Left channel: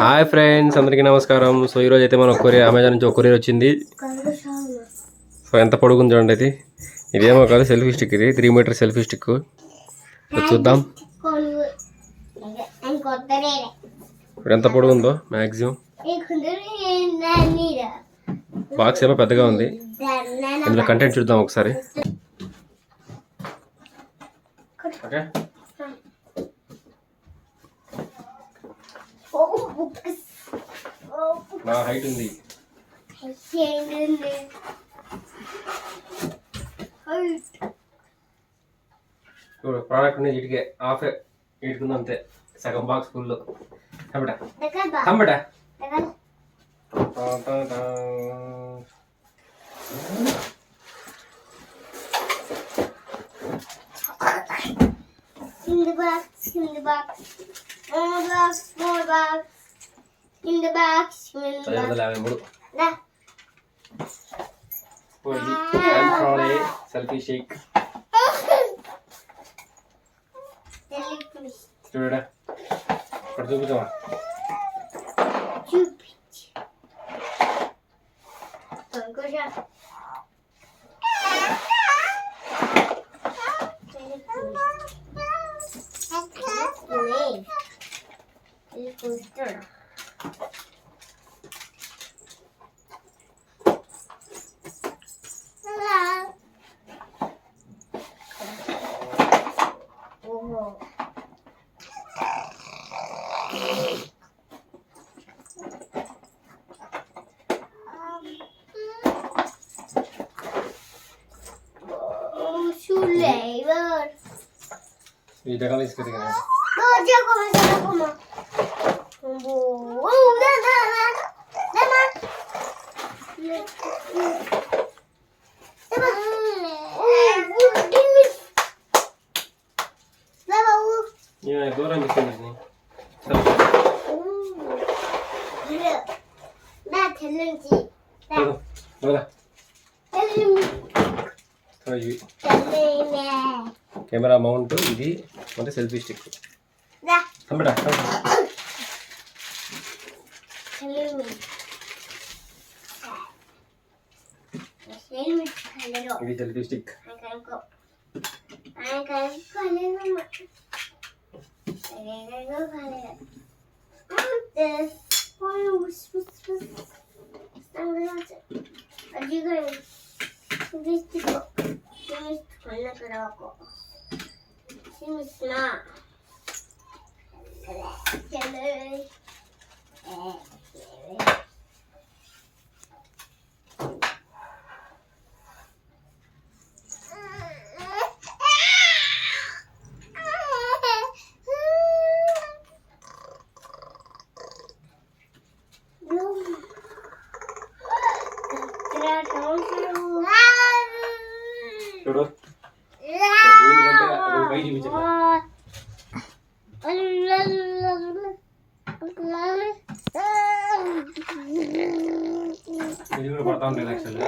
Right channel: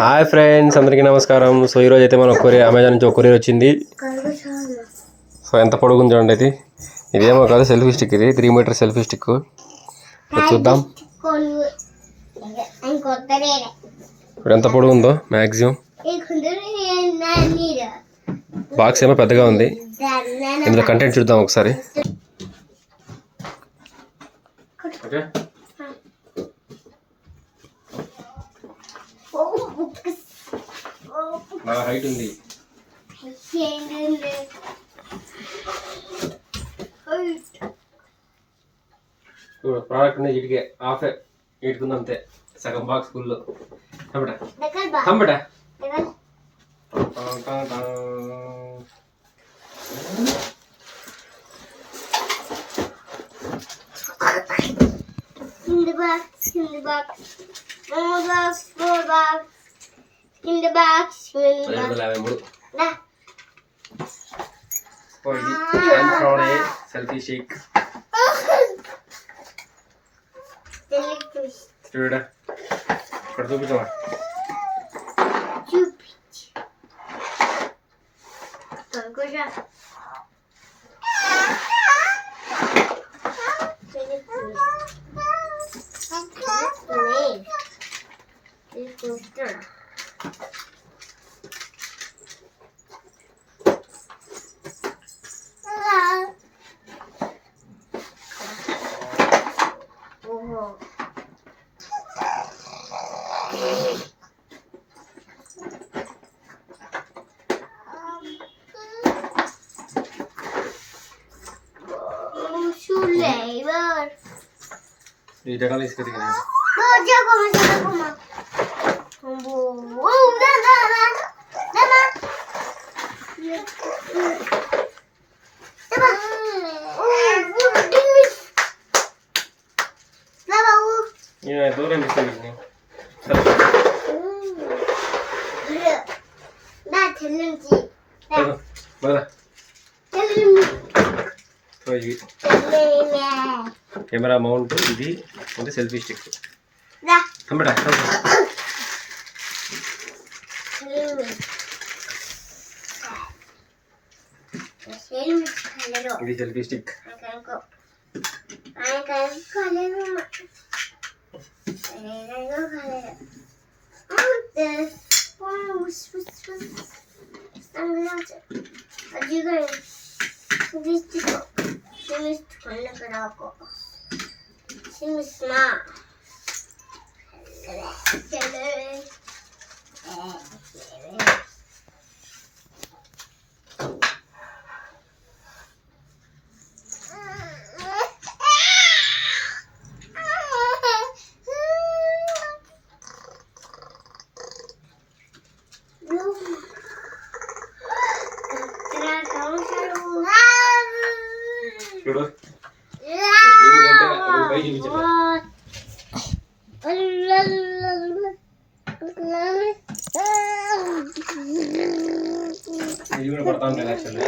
Hi friends అందరికీ నమస్కారం. So ఈరోజు అయితే మన కొరియర్ అమెజాన్ నుంచి ఒక కొరియర్ వచ్చింది. సో ఎంత పొడుగుంది చూడండి ఇది ఇదేమో కాదు సెల్ఫీ స్టిక్ ఇది. Three metre selfie stick. చూద్దాం. ఇప్పుడు ఎంత పొడుగుందో మ్యాక్సిమం బాక్స్ ఏమో పెద్దగా ఉంది. ఇందులో కంటెంట్ చూద్దాం ఒకసారి. ఓకే. బాగా హైట్ ఉంది. ప్రోడక్ట్ ఉంది ఇటుకే హాఫే ఇటుకుంది అంతే. సగం బాక్స్ ఫుల్ కంపట కంపట In the box, in the box, more box, more box, in the box will selfie shake ഇവിടെ കൊടുത്തു പിടിച്ചോ Thank you. Ya kali Di dalam list ketinggalan. Baca koma sama mak. Yeah, do them easily. Ben tellimci. Ben. Bana. Tellimci. Tabii. Tellime. Camera mount ఇది అంటే selfie stick తమ్ముడా తమ్ముడా ఇది selfie stick Seems smart. Hello. చూడు దీనికంటే అది పై చూపించట్లే ఇది కూడా పడతా ఉంటాయి యాక్చువల్లీ